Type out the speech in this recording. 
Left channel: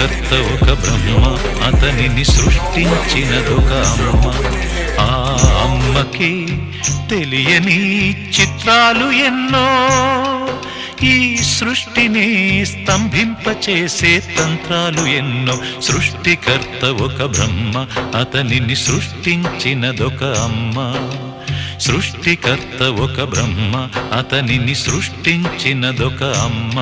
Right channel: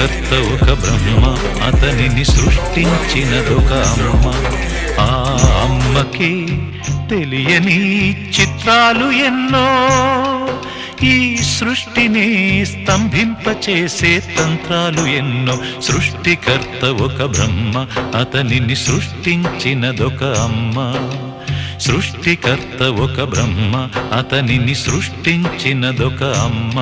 సృష్టికర్త ఒక బ్రహ్మ, అతనిని సృష్టించినదొక అమ్మ. ఆ అమ్మకి తెలియని చిత్రాలు ఎన్నో, ఈ సృష్టిని స్తంభింపచేసే తంత్రాలు ఎన్నో. సృష్టికర్త ఒక బ్రహ్మ, అతనిని సృష్టించినదొక అమ్మ. సృష్టికర్త ఒక బ్రహ్మ, అతనిని సృష్టించినదొక అమ్మ.